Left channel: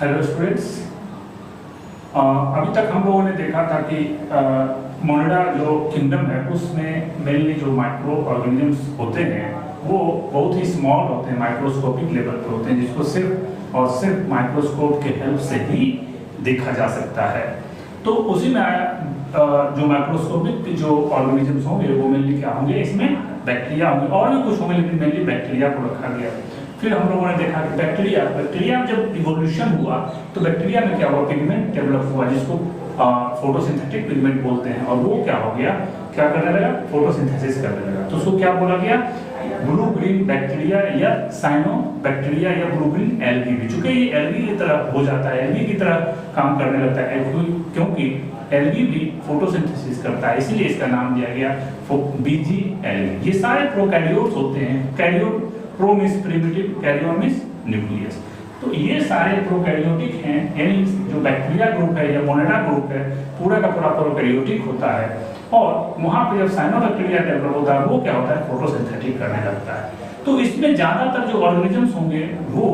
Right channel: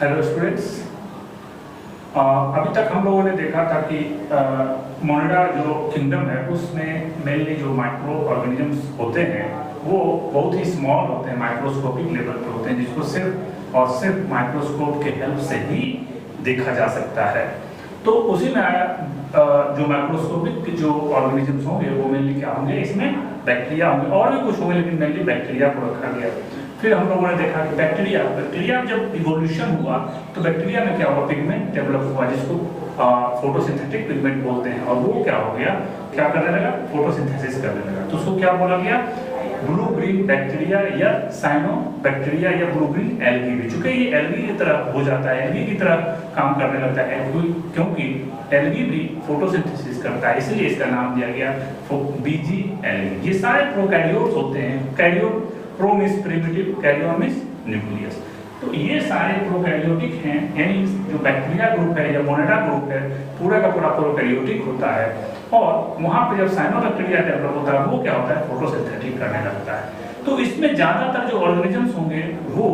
Hello students, अभी तक हम लोगों ने देखा था कि मोनेडा जो किंगडम है उसमें मेनली जो माइक्रो ऑर्गेनिजम्स होते हैं वो बहुत ही स्मॉल होते हैं, माइक्रोस्कोपिक लेवल पर होते हैं, जिसको सिर्फ और सिर्फ माइक्रोस्कोप के हेल्प से ही देखा जा सकता है। तो उसी में जो माइक्रोस्कोपिक जो ऑर्गेनिजम्स होंगे वो मेनली क्या होंगे, इसमें बैक्टीरिया होंगे, और भी कुछ होंगे लेकिन मेनली बैक्टीरिया को रखा गया। फिर हम लोगों ने देखा कि बैक्टीरिया जब इवोल्यूशन हुआ तो बैक्टीरिया में क्या हुआ, पिगमेंट डेवलप हुआ जिसको फोटोसिंथेटिक पिगमेंट बोलते हैं, और वो क्या हो गया, क्या करने लगा, फोटोसिंथेसिस करने लगा। तो उसको क्या बोला गया, ब्लू ग्रीन बैक्टीरिया या साइनो बैक्टीरिया या ब्लू ग्रीन एल्गी भी, चूंकि ये एल्गी की तरह हो जाता है, एल्गी की तरह काम करने लगता है, क्योंकि एल्गी भी फोटोसिंथेसिस करता है, इसलिए इसका नाम दिया गया बीजी एल्गी। ये सारे प्रोकैरियोट्स होते हैं, karyote, pro means primitive, karyon means nucleus. तो ये सारे प्रोकैरियोटिक हैं, यानी जो बैक्टीरिया ग्रुप है या मोनेडा ग्रुप है पूरा का पूरा प्रोकैरियोटिक होता है। और वहां पे जब साइनोबैक्टीरिया डेवलप होता है वो क्या होता है, फोटोसिंथेटिक करने लगता है। तो इसमें ज्यादातर जो ऑर्गेनिजम्स होंगे वो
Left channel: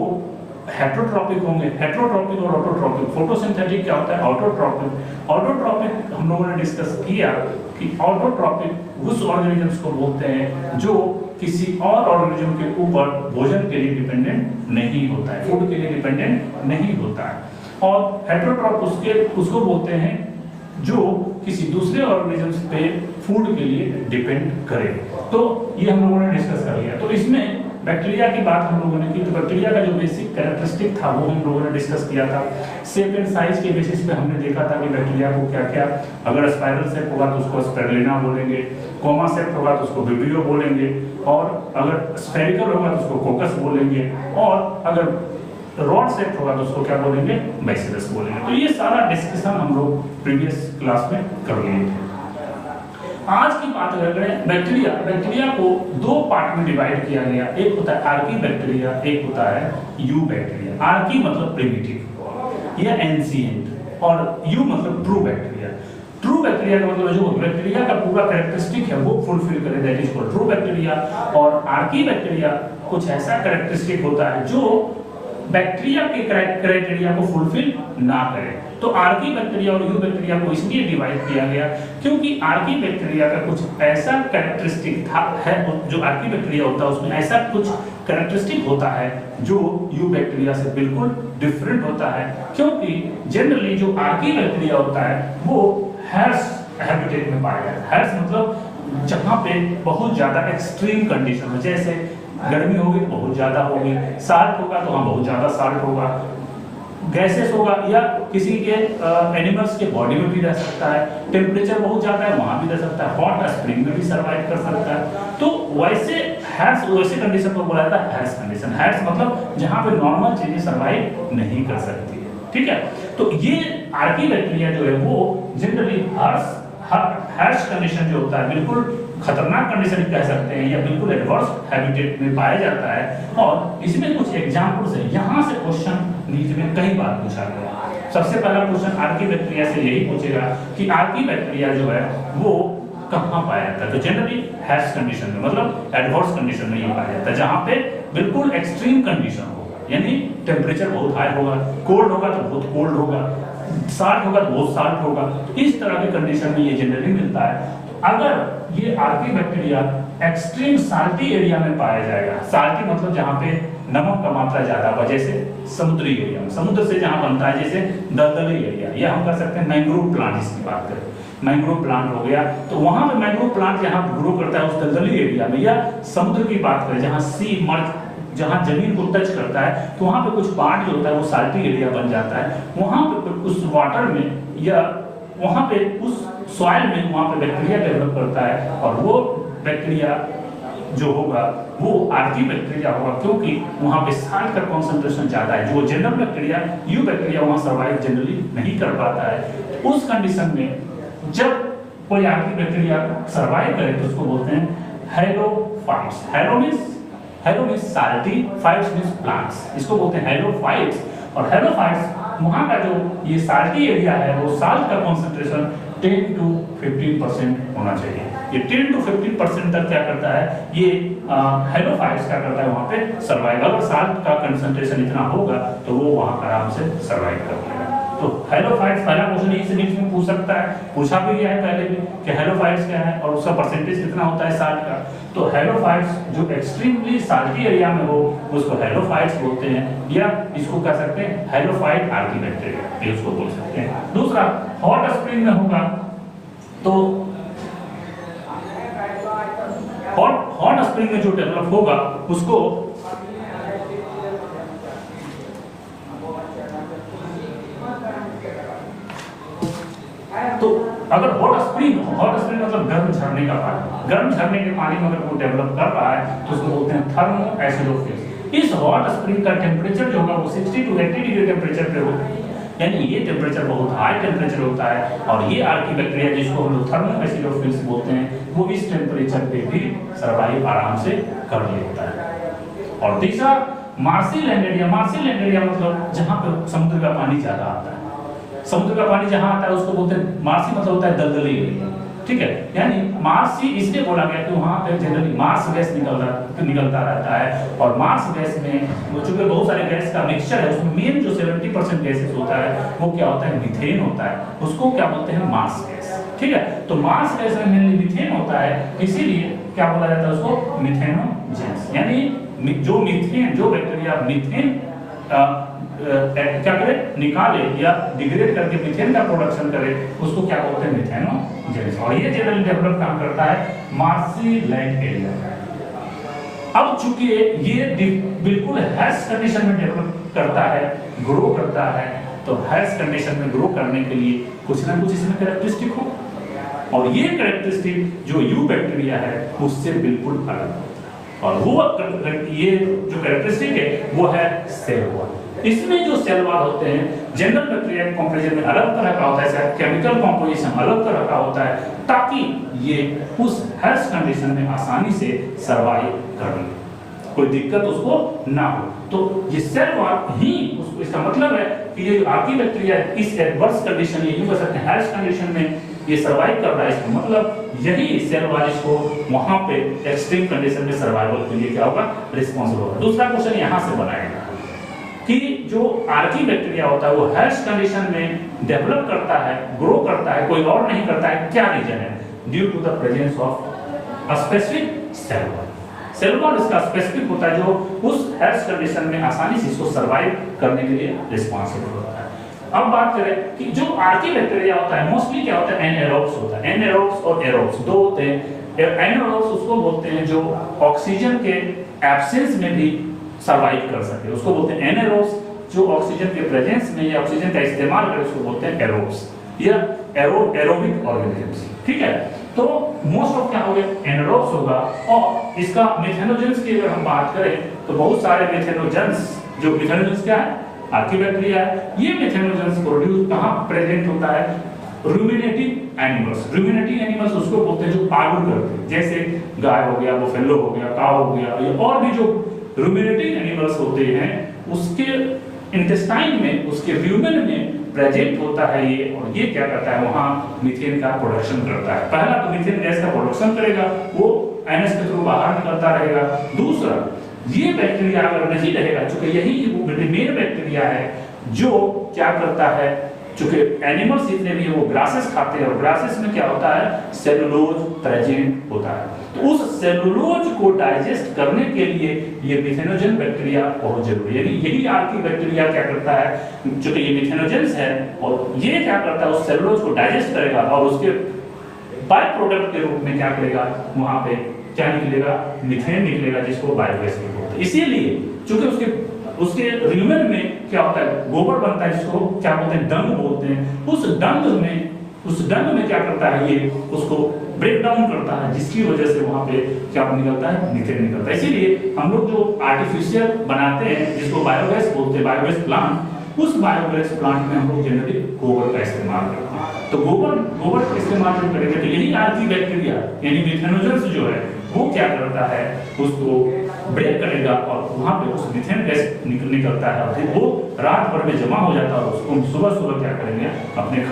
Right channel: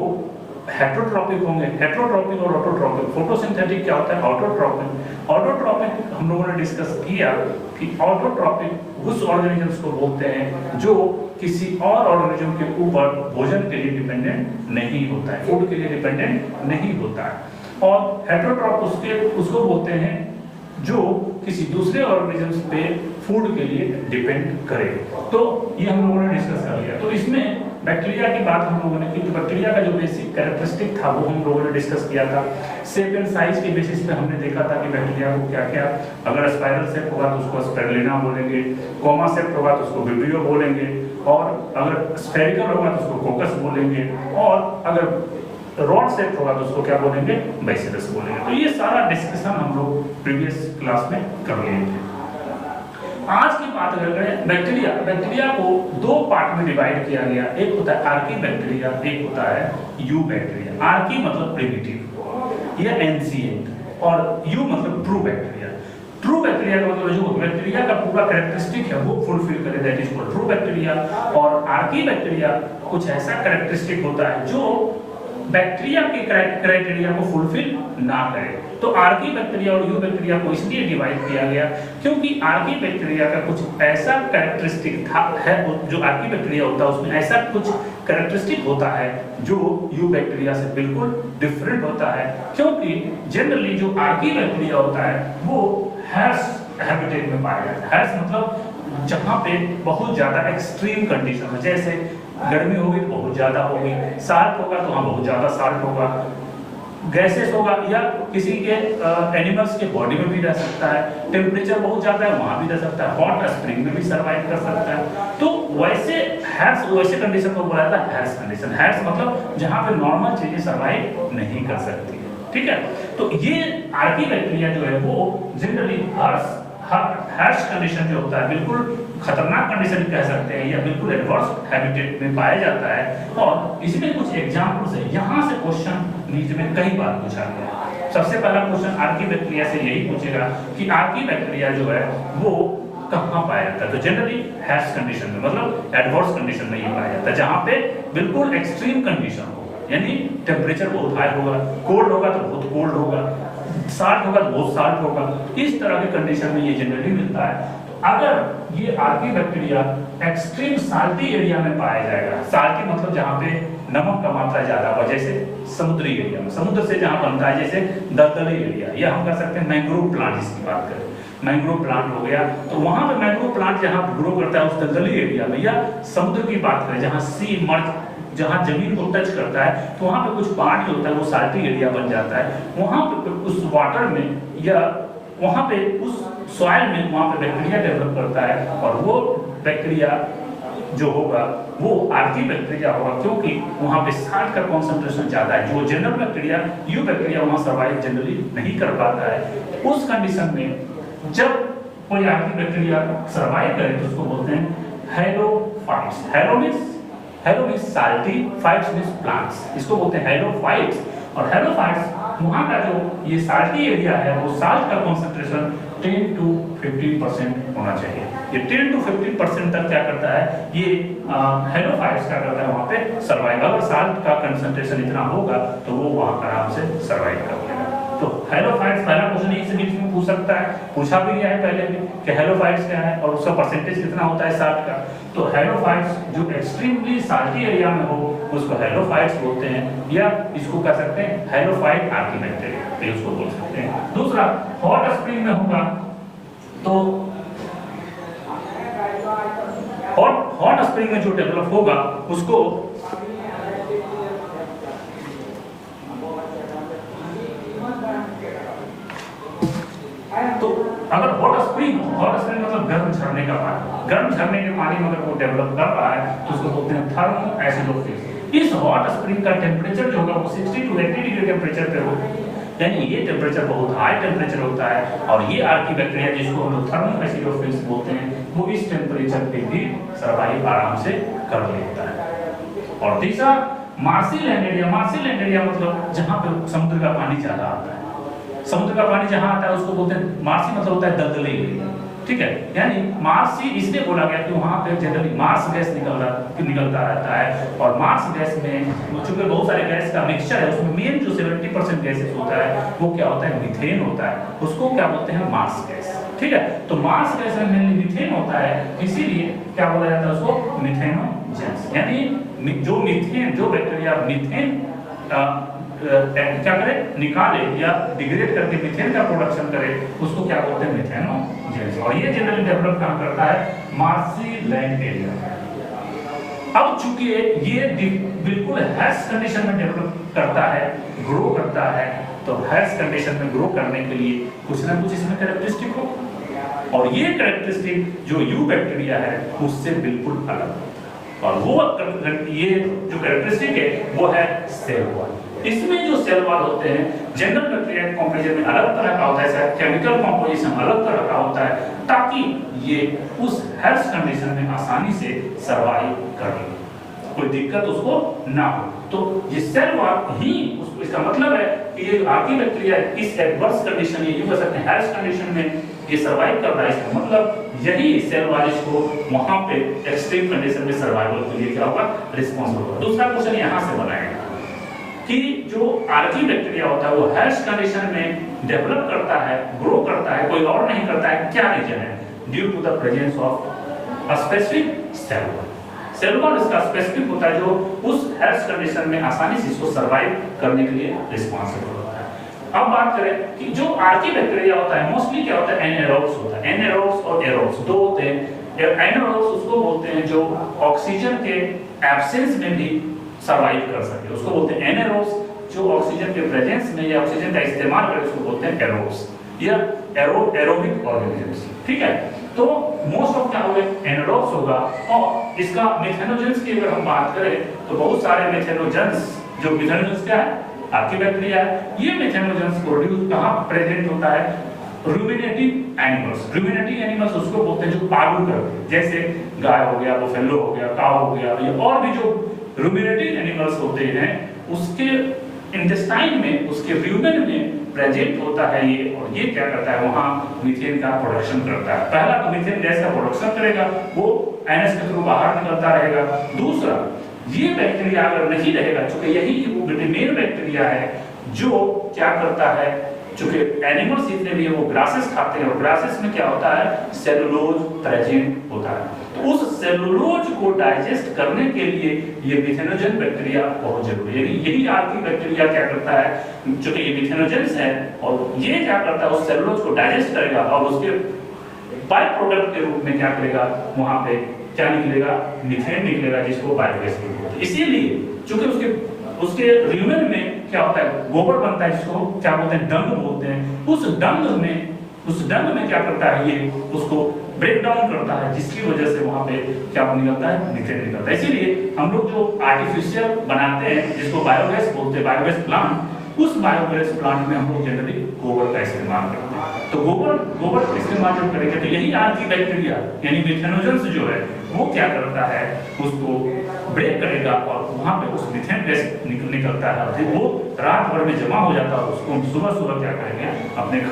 हेट्रोट्रॉपिक होंगे, हेट्रोट्रॉपिक और ऑटोट्रॉपिक। फोटोसिंथेटिक क्या होता है, ऑटोट्रॉपिक। ऑटोट्रॉपिक हम लोगों ने डिस्कस किया कि ऑटोट्रॉपिक उस ऑर्गेनिजम्स को बोलते हैं जो किसी और ऑर्गेनिज्म के ऊपर भोजन के लिए डिपेंडेंट नहीं होता है, फूड के लिए डिपेंडेंट नहीं होता है। और हेट्रोट्रॉप उसको बोलते हैं जो किसी दूसरे ऑर्गेनिजम्स पे फूड के लिए डिपेंड करे। तो ये हम लोगों ने डिस्कस कर लिया। तो इसमें बैक्टीरिया की बात हम लोगों ने की, तो बैक्टीरिया का जो बेसिक कैरेक्टरिस्टिक था वो हम लोगों ने डिस्कस किया था। शेप एंड साइज के बेसिस पे हमने देखा था कि बैक्टीरिया को क्या क्या, अगर स्पाइरल शेप होगा तो उसको स्पाइरुलिना बोलेंगे, कोमा शेप होगा तो उसको विब्रियो बोलेंगे, और अगर स्फेरिकल होगा तो उसको कोकस बोलेंगे, और अगर रॉड शेप होगा तो उसको क्या बोलेंगे, बैसिलस बोलेंगे। तो ये सारा डिस्कशन हम लोग प्रीवियस क्लास में कर लिए थे। आज की बात कर रहे हैं बैक्टीरिया को दो पार्ट में डिवाइड किया गया, एक होता है आर्की बैक्टीरिया, एक होता है यू बैक्टीरिया। आर्की मतलब प्रिमिटिव या एंशिएंट, और यू मतलब ट्रू बैक्टीरिया। ट्रू बैक्टीरिया का मतलब जो बैक्टीरिया का पूरा कैरेक्टरिस्टिक है वो फुलफिल करे, that is called true bacteria. और आर्की बैक्टीरिया कुछ ऐसा कैरेक्टरिस्टिक होता है जो बैक्टीरिया के क्राइटेरिया को फुलफिल ना करे। तो आर्की बैक्टीरिया और यू बैक्टीरिया को इसलिए डिवाइड किया गया क्योंकि आर्की बैक्टीरिया का कुछ ऐसा कैरेक्टरिस्टिक है, जो आर्की बैक्टीरिया होता है उसमें ऐसा कुछ कैरेक्टरिस्टिक होता है जो यू बैक्टीरिया से बिल्कुल डिफरेंट होता है। क्योंकि जनरली जो आर्की बैक्टीरिया होता है वो हैर्स हैबिटेट में पाया जाता है। हैर्स मतलब जहां पे बहुत ज्यादा एक्सट्रीम कंडीशन है, जैसे गर्मी होगी तो बहुत ज्यादा होगी, साल्ट होगा तो वहां बहुत ज्यादा साल्ट होगा, गैसेस होगा, या किसी के एनिमल्स के बॉडी में भी रह सकता है, टेम्परेचर बहुत ज्यादा है वहां भी रह सकता है, हॉट स्प्रिंग में भी सर्वाइव कर सकता है। तो वैसे हैर्स, वैसे कंडीशन को बोला जाता है हैर्स कंडीशन। हैर्स मतलब जहां पे नॉर्मल चीजें सर्वाइव नहीं कर सकती, ठीक है। तो ये आर्की बैक्टीरिया जो है वो जनरली हैर्स कंडीशन जो होता है बिल्कुल खतरनाक कंडीशन कह सकते हैं, या बिल्कुल एडवर्स हैबिटेट में पाया जाता है। और इसमें कुछ एग्जांपल्स है, यहाँ से क्वेश्चन नीचे में कई बार पूछा गया। सबसे पहला क्वेश्चन आर्की बैक्टीरिया से यही पूछेगा कि आर्की बैक्टीरिया जो है वो कहाँ पाया जाता है। तो जनरली हैर्स कंडीशन में, मतलब एडवर्स कंडीशन में ये पाया जाता है, जहाँ पे बिल्कुल एक्सट्रीम कंडीशन होगा, यानी टेम्परेचर बहुत हाई होगा, कोल्ड होगा तो बहुत कोल्ड होगा, साल्ट होगा तो बहुत साल्ट होगा। इस तरह के कंडीशन में ये जनरली मिलता है। अगर ये Archie bacteria extreme salty area में पाया जाएगा, साल्टी मतलब जहां पे नमक का मात्रा ज्यादा हो, जैसे समुद्री एरिया में, समुद्र से जहां बनता है, जैसे दलदली एरिया, या हम कर सकते हैं मैंग्रोव प्लांट, जिसकी बात करें मैंग्रोव प्लांट हो गया, तो वहां पे मैंग्रोव प्लांट जहां ग्रो करता है उस दलदली एरिया में, या समुद्र की बात करें जहां सी मर्ज, जहां जमीन को टच करता है, तो वहां पे कुछ पार्ट जो होता है वो साल्टी एरिया बन जाता है। वहां पे उस वाटर में या वहां पे उस सॉइल में वहां पे बैक्टीरिया डेवलप करता है, और वो बैक्टीरिया जो होगा वो आर्की बैक्टीरिया होगा, क्योंकि वहां पे साल्ट का कॉन्सेंट्रेशन ज्यादा है। जो जनरल बैक्टीरिया, यू बैक्टीरिया वहां सर्वाइव जनरली नहीं कर पाता है। उस कंडीशन में जब कोई आर्की बैक्टीरिया सर्वाइव करे तो उसको बोलते हैं halophytes. Hello means salty, fights means plants, इसको बोलते हैं हैलोफाइट्स। और हैलोफाइट्स वहां का जो ये साल्टी एरिया है वो साल्ट का कॉन्सेंट्रेशन 10 to 15% होना चाहिए। ये 10 to 15% तक क्या करता है, ये हेलोफाइट्स क्या करता है वहां पे सर्वाइवल, और साल्ट का कंसंट्रेशन इतना होगा तो वो वहां आराम से सर्वाइव कर लेगा। तो हेलोफाइट्स पहला क्वेश्चन इसी बीच में पूछ सकता है, पूछा भी गया है पहले भी कि हेलोफाइट्स क्या है और उसका परसेंटेज कितना होता है साल्ट का। तो हेलोफाइट्स जो एक्सट्रीमली साल्टी एरिया में हो उसको हेलोफाइट्स बोलते हैं, या इसको कह सकते हैं हेलोफाइट आर्कीबैक्टीरिया, ये उसको बोल सकते हैं। दूसरा हॉट स्प्रिंग में होगा तो हॉट स्प्रिंग में जो डेवलप होगा उसको तो अगर हॉट स्प्रिंग मतलब गर्म झरने का पानी, गर्म झरने के पानी में अगर वो डेवलप कर रहा है तो उसको बोलते हैं थर्मो एसिडोफिल। इस हॉट स्प्रिंग का टेम्परेचर जो होगा वो 60 to 80 डिग्री टेम्परेचर पे होगा, यानी ये टेम्परेचर बहुत हाई टेम्परेचर होता है, और ये आर्कीबैक्टीरिया जिसको हम लोग थर्मो एसिडोफिल्स बोलते हैं वो इस टेम्परेचर पे भी सर्वाइव आराम से कर लेता है। और तीसरा मार्सी लैंड एरिया मतलब जहां पे समुद्र का पानी ज्यादा आता है, समुद्र का पानी जहां आता है उसको बोलते हैं मार्सी, मतलब होता है दलदली एरिया, ठीक है। यानी मार्सी इसलिए बोला गया कि वहां पे जनरली मार्स गैस निकलता रहता है, और मार्स गैस में चूंकि बहुत सारे गैस का मिक्सचर है, उसमें मेन जो 70% गैसेस होता है वो क्या होता है, मीथेन होता है, उसको क्या बोलते हैं, मार्स गैस, ठीक है। तो मार्स गैस में मेनली मीथेन होता है, इसीलिए क्या बोला जाता है उसको मीथेनोजेंस, यानी जो मीथेन, जो बैक्टीरिया मीथेन क्या करे, निकाले या डिग्रेड करके मीथेन का प्रोडक्शन करे उसको क्या बोलते हैं, मीथेनोजेंस। और ये जनरली डेवलप काम करता है मार्सी लैंड एरिया। अब चूंकि ये बिल्कुल हैश कंडीशन में डेवलप करता है, ग्रो करता है, तो हैश कंडीशन में ग्रो करने के लिए कुछ ना कुछ इसमें कैरेक्टरिस्टिक हो, और ये कैरेक्टरिस्टिक जो यू बैक्टीरिया है उससे बिल्कुल अलग है, और वो ये जो कैरेक्टरिस्टिक है वो है सेल वॉल। इसमें जो सेल वॉल होते हैं जनरल बैक्टीरिया कंपोजिशन में अलग तरह का होता है, केमिकल कंपोजिशन अलग तरह का होता है, ताकि ये उस हेल्थ कंडीशन में आसानी से सर्वाइव कर ले, कोई दिक्कत उसको ना हो। तो ये सेल वॉल ही उसको, इसका मतलब है कि ये आर्कीबैक्टीरिया इस एडवर्स कंडीशन, ये कह सकते हैं हेल्थ कंडीशन में ये सर्वाइव कर रहा है, इसका मतलब यही सेल वॉल इसको वहां पे एक्सट्रीम कंडीशन में सर्वाइवल के लिए क्या होगा, रिस्पॉन्सिबल होगा। दूसरा क्वेश्चन यहां से बनाएगा कि जो आर्कीबैक्टीरिया होता है वो हेल्थ कंडीशन में डेवलप करता है, ग्रो करता है, कोई और नहीं करता है, क्या रीजन है, due to the presence of a specific cell wall. Cell wall इसका स्पेसिफिक होता है जो उस हेल्थ कंडीशन में आसानी से इसको सर्वाइव करने के लिए रिस्पॉन्सिबल होता है। अब बात करें कि जो आर्कीबैक्टीरिया होता है मोस्टली क्या होता है, एनाएरोब्स होता है, एनाएरोब्स और एरोब्स दो होते हैं। एनाएरोब्स उसको बोलते हैं जो ऑक्सीजन के एब्सेंस में भी सर्वाइव कर सके, उसको बोलते हैं एनाएरोब्स। जो ऑक्सीजन के प्रेजेंस में या ऑक्सीजन का इस्तेमाल करे उसको बोलते हैं एरोब्स या एरोबिक ऑर्गेनिजम्स, ठीक है। तो मोस्ट ऑफ क्या हो गए, एनाएरोब्स होगा। और इसका मिथेनोजेंस की अगर हम बात करें तो बहुत सारे मिथेनोजेंस, जो मिथेनोजेंस क्या है, आर्कीबैक्टीरिया है, ये मिथेनोजेंस प्रोड्यूस कहां प्रेजेंट होता है, रूमिनेटिव एनिमल्स। रूमिनेटिव एनिमल्स उसको बोलते हैं जो पागुर करते हैं, जैसे गाय हो गया, बफेलो हो गया, काऊ हो गया, ये और भी जो रूमिनेटिव एनिमल्स होते हैं उसके इंटेस्टाइन में, उसके ल्यूमेन में प्रेजेंट होता है ये, और ये क्या करता है, वहां मीथेन का प्रोडक्शन करता है। पहला तो मीथेन गैस का प्रोडक्शन करेगा, वो एनएस के थ्रू बाहर निकलता रहेगा। दूसरा, ये बैक्टीरिया अगर नहीं रहेगा, चूंकि यही मेन बैक्टीरिया है जो क्या करता है, चूंकि एनिमल्स जितने भी वो ग्रासेस खाते हैं, और ग्रासेस में क्या होता है, सेलुलोज प्रेजेंट होता है, तो उस सेलुलोज को डाइजेस्ट करने के लिए ये मिथेनोजेन बैक्टीरिया बहुत जरूरी है। यही आर्कीबैक्टीरिया क्या करता है, चूंकि ये मिथेनोजेंस है, और ये क्या करता है, उस सेलुलोज को डाइजेस्ट करेगा और उसके बाय प्रोडक्ट के रूप में क्या करेगा, वहां पे क्या निकलेगा, मीथेन निकलेगा, जिसको बायोगैस बोलते हैं। इसीलिए चूंकि उसके ल्यूमेन में क्या होता है, गोबर बनता है, जिसको क्या बोलते हैं, डंग बोलते हैं। उस डंग में क्या करता है, ये उसको ब्रेक डाउन करता है, जिसकी वजह से वहां पे क्या निकलता है, मीथेन निकलता है। इसीलिए हम लोग जो आर्टिफिशियल बनाते हैं, जिसको बायोगैस बोलते हैं, बायोगैस प्लांट, उस बायोगैस प्लांट में हम लोग जनरली गोबर का इस्तेमाल करते हैं। तो गोबर का इस्तेमाल जब करेंगे तो यही आर्कीबैक्टीरिया यानी मिथेनोजेंस जो है वो क्या करता है, उसको ब्रेक करेगा और वहां पे उस मीथेन गैस निकलता है, वो रात भर में जमा हो जाता है और उसको सुबह सुबह क्या करेंगे, अपने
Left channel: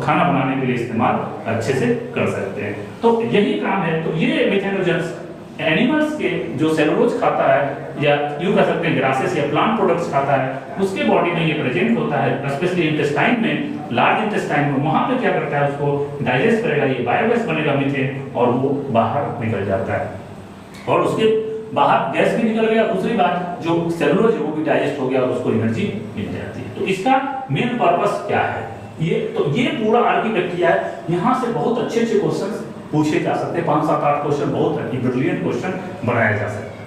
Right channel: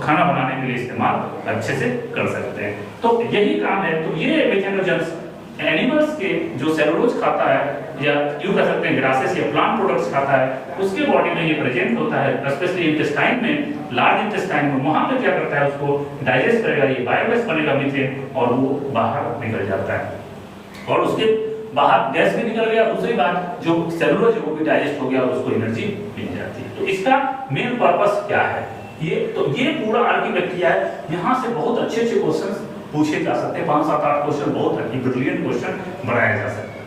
खाना बनाने के लिए इस्तेमाल अच्छे से कर सकते हैं। तो यही काम है। तो ये मीथेनोजेंस एनिमल्स के जो सेलुलोज खाता है या यूं कह सकते हैं ग्रासेस या प्लांट प्रोडक्ट्स खाता है, उसके बॉडी में ये प्रेजेंट होता है, स्पेशली इंटेस्टाइन में, लार्ज इंटेस्टाइन में। वहां पे क्या करता है, उसको डाइजेस्ट करेगा, ये बायोगैस बनेगा मीथेन और वो बाहर निकल जाता है और उसके बाहर गैस भी निकल गया। दूसरी बात, जो सेलुलोज है वो भी डाइजेस्ट हो गया और उसको एनर्जी मिल जाती है। तो इसका मेन पर्पस क्या है, ये पूरा आर्किटेक्चर है। यहाँ से बहुत अच्छे क्वेश्चन पूछे जा सकते हैं, 5-7-8 क्वेश्चन बहुत ब्रिलियंट क्वेश्चन बनाया जा सकता है।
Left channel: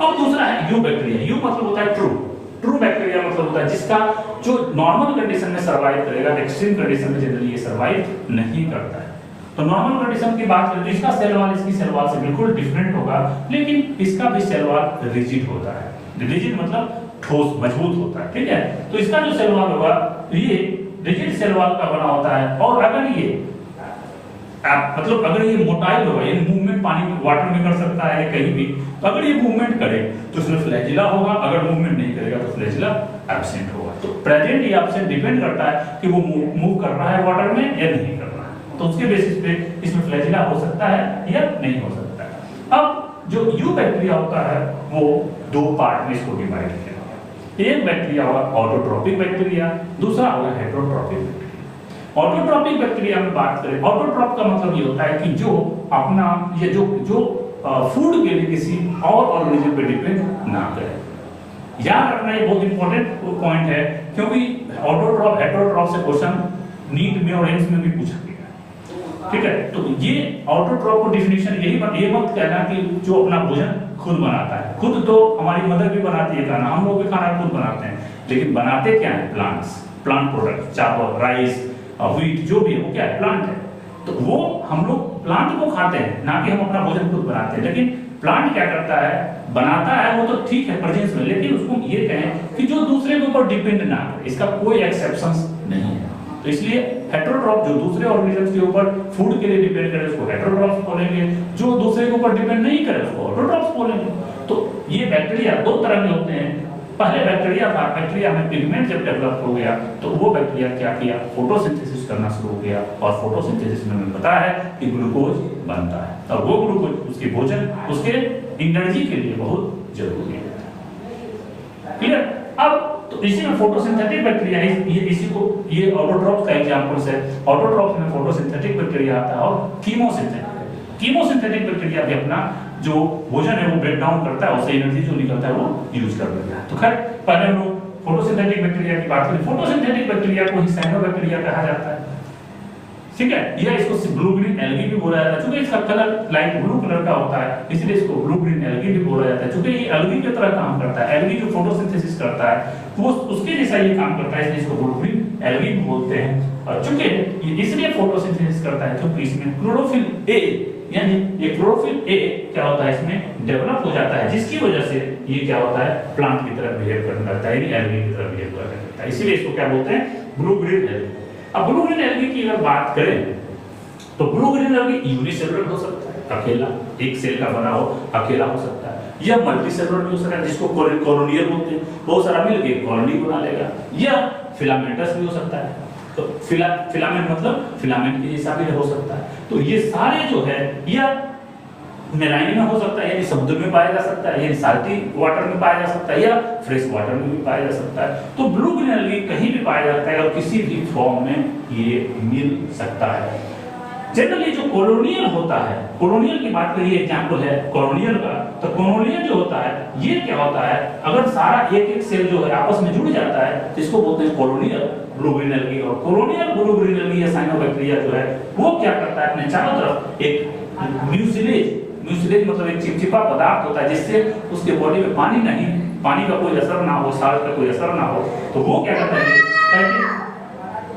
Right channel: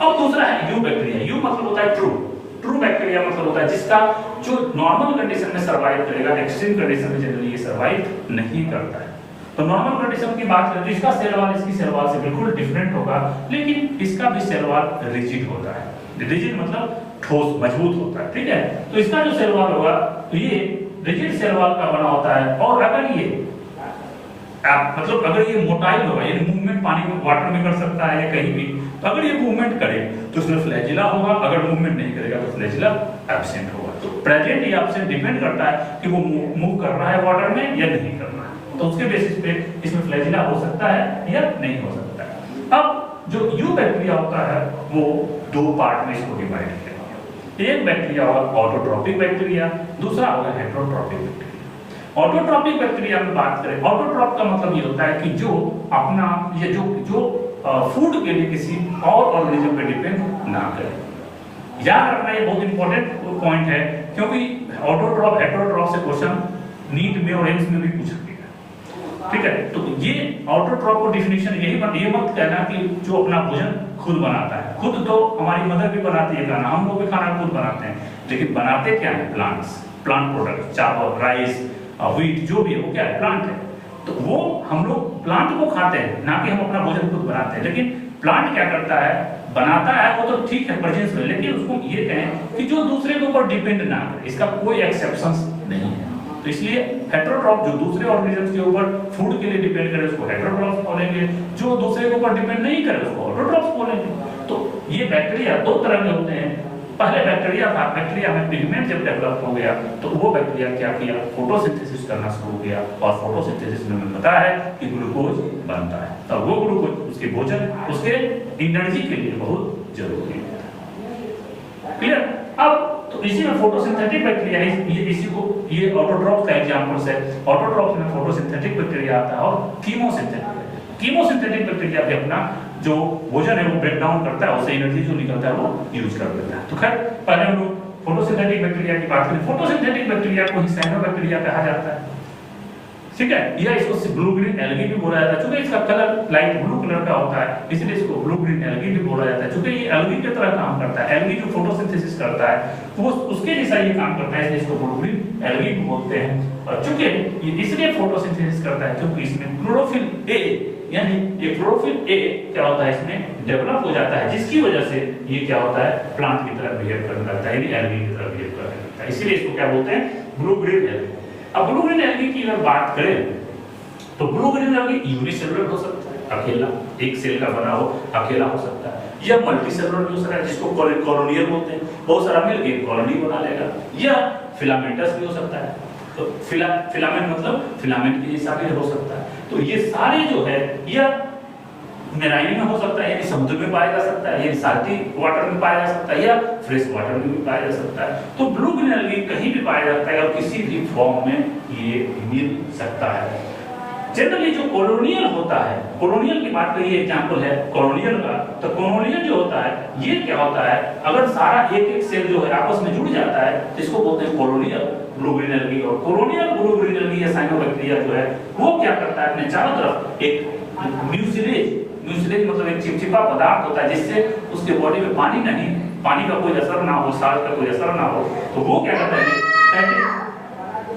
अब दूसरा है यू बैक्टीरिया। यू मतलब होता है ट्रू बैक्टीरिया, मतलब होता है जिसका जो नॉर्मल कंडीशन में सर्वाइव करेगा, एक्सट्रीम कंडीशन में जनरली ये सर्वाइव नहीं करता है। तो नॉर्मल कंडीशन की बात करें तो इसका सेल वॉल इसकी सेल वॉल से बिल्कुल डिफरेंट होगा, लेकिन इसका भी सेल वॉल रिजिड होता है। रिजिड मतलब ठोस मजबूत होता है, ठीक है। तो इसका जो सेल वॉल होगा तो ये रिजिड सेल वॉल का बना होता है। और अगर ये मतलब अगर ये मोटाइल होगा, ये मूवमेंट पानी में वाटर में कर सकता है कहीं भी, तो अगर ये मूवमेंट करे तो उसमें फ्लैजिला होगा, अगर मूवमेंट नहीं करेगा तो फ्लैजिला एब्सेंट होगा। तो प्रेजेंट या एब्सेंट डिपेंड करता है कि वो मूव कर रहा है वाटर में या नहीं कर रहा है। तो उसके बेसिस पे इसमें फ्लैजिला हो सकता है या नहीं हो सकता है। अब जो यू बैक्टीरिया होता है वो दो पार्ट में इसको डिवाइड किया। एक बैक्टीरिया होगा ऑटोट्रोपिक बैक्टीरिया, दूसरा होगा हेटेरोट्रोपिक बैक्टीरिया। ऑटोट्रोपिक बैक्टीरिया में बात करें, ऑटोट्रोप का मतलब ये होता है कि जो अपना ये जो फूड के लिए किसी और ऑर्गेनिज्म पे डिपेंड ना करे। याद रखना ये बहुत इंपॉर्टेंट पॉइंट है, क्योंकि ऑटोट्रोप हेटेरोट्रोप से क्वेश्चन नीट में और एम्स में भी पूछा गया, ठीक है। तो ये ऑटोट्रोप को डिफिनेशन ये मत कहना कि जो अपना भोजन खुद बनाता है। खुद तो हमारी मदर भी बनाती है खाना, हम लोग भी खाना खुद बनाते हैं, लेकिन बनाते क्या है, प्लांट प्रोडक्ट, चावल, राइस, व्हीट, जो भी है वो क्या है, प्लांट है। तो वो हम लोग प्लांट को खाते हैं, ना कि हम अपना भोजन खुद बनाते हैं। लेकिन प्लांट क्या करता है, बनाता है वो तो ठीक है प्रेजेंस में, लेकिन उसको ये कहें कि जो दूसरे के ऊपर डिपेंड ना करे, इसका कोई एक्सेप्शन नहीं है। तो इसलिए हेटेरोट्रोप जो दूसरे ऑर्गेनिजम्स के ऊपर फूड के लिए डिपेंड करे उसको हेटेरोट्रोप्स बोलेंगे, जो दूसरे के ऊपर डिपेंड नहीं करे उसको ऑटोट्रोप्स बोलेंगे। तो ये बैक्टीरिया दो तरह के होते हैं। पहले बैक्टीरिया था, बैक्टीरिया में पिगमेंट जब डेवलप हो गया तो वो बैक्टीरिया क्या किया, फोटोसिंथेसिस करना शुरू हो गया और फोटोसिंथेसिस में हमें पता है कि ग्लूकोज बनता है और वो ग्लूकोज उसके भोजन, उसके एनर्जी के लिए बहुत जरूरी है। क्लियर? अब तो इसी में फोटोसिंथेटिक बैक्टीरिया है, ये ऑटोट्रोप का एग्जांपल्स है। ऑटोट्रोप में फोटोसिंथेटिक बैक्टीरिया आता है और कीमोसिंथेटिक बैक्टीरिया भी अपना जो भोजन है वो ब्रेक डाउन करता है, उससे एनर्जी जो निकलता है वो यूज कर देता है। तो खैर पहले हम लोग फोटोसिंथेटिक बैक्टीरिया की बात करें। फोटोसिंथेटिक बैक्टीरिया को ही साइनोबैक्टीरिया कहा जाता है, ठीक है। या इसको ब्लू ग्रीन एल्गी भी बोला जाता है, क्योंकि इसका कलर लाइट ब्लू कलर का होता है, इसलिए इसको ब्लू ग्रीन एल्गी भी बोला जाता है, क्योंकि ये एल्गी की तरह काम करता है। एल्गी जो फोटोसिंथेसिस करता है तो वो उसके जैसा ये काम करता है, इसलिए इसको ब्लू ग्रीन एल्गी भी बोलते हैं। और चूंकि ये इसलिए फोटोसिंथेसिस करता है क्योंकि इसमें क्लोरोफिल ए, यानी ये क्लोरोफिल ए क्या होता है, इसमें डेवलप हो जाता है, जिसकी वजह से ये क्या होता है, प्लांट की तरह बिहेव करता है, यानी एल्गी की तरह बिहेव करता है। इसीलिए इसको क्या बोलते हैं, ब्लू ग्रीन एल्गी। अब ब्लू ग्रीन एल्गी की अगर बात करें तो ब्लू ग्रीन एल्गी यूनिसेलुलर हो सकता है, अकेला एक सेल का बना हो, अकेला हो सकता है, या मल्टीसेलुलर हो सकता है, जिसको कॉलोनियल बोलते हैं, बहुत सारा मिलके कॉलोनी बना लेगा, या फिलामेंटस भी हो सकता है। तो फिलामेंट मतलब फिलामेंट के जैसा भी हो सकता है। तो ये सारे जो है, या मेराइन में हो सकता है, यानी समुद्र में पाया जा सकता है, यानी साल्टी वाटर में पाया जा सकता है, या फ्रेश वाटर में भी पाया जा सकता है। तो ब्लू ग्रीन एल्गी कहीं भी पाया जाता है और किसी भी फॉर्म में ये मिल सकता है। जनरली जो कॉलोनियल होता है, कॉलोनियल की बात करिए, एग्जांपल है कॉलोनियल का, तो कॉलोनियल जो होता है ये क्या होता है, अगर सारा एक सेल जो है आपस में जुड़ जाता है जिसको बोलते हैं कॉलोनियल ब्लू ग्रीन एल्गी। और कॉलोनियल ब्लू ग्रीन एल्गी या साइनोबैक्टीरिया जो है वो क्या करता है, अपने चारों तरफ एक म्यूसिलेज मतलब एक चिपचिपा पदार्थ होता है, जिससे उसके बॉडी में पानी का कोई असर ना हो, साल्ट का कोई असर ना हो, तो वो क्या करता है,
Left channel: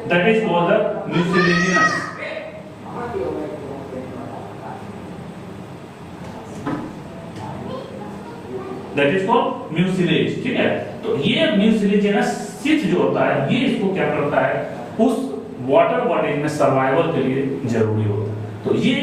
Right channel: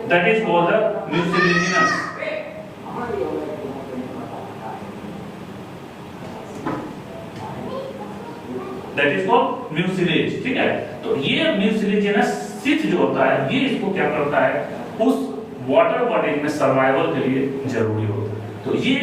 that is called the mucilaginous. That is called mucilage, ठीक है। तो ये म्यूसिलेजिनस शीथ जो होता है, ये इसको क्या करता है, उस वाटर बॉडी में सर्वाइवल के लिए जरूरी होता है। तो ये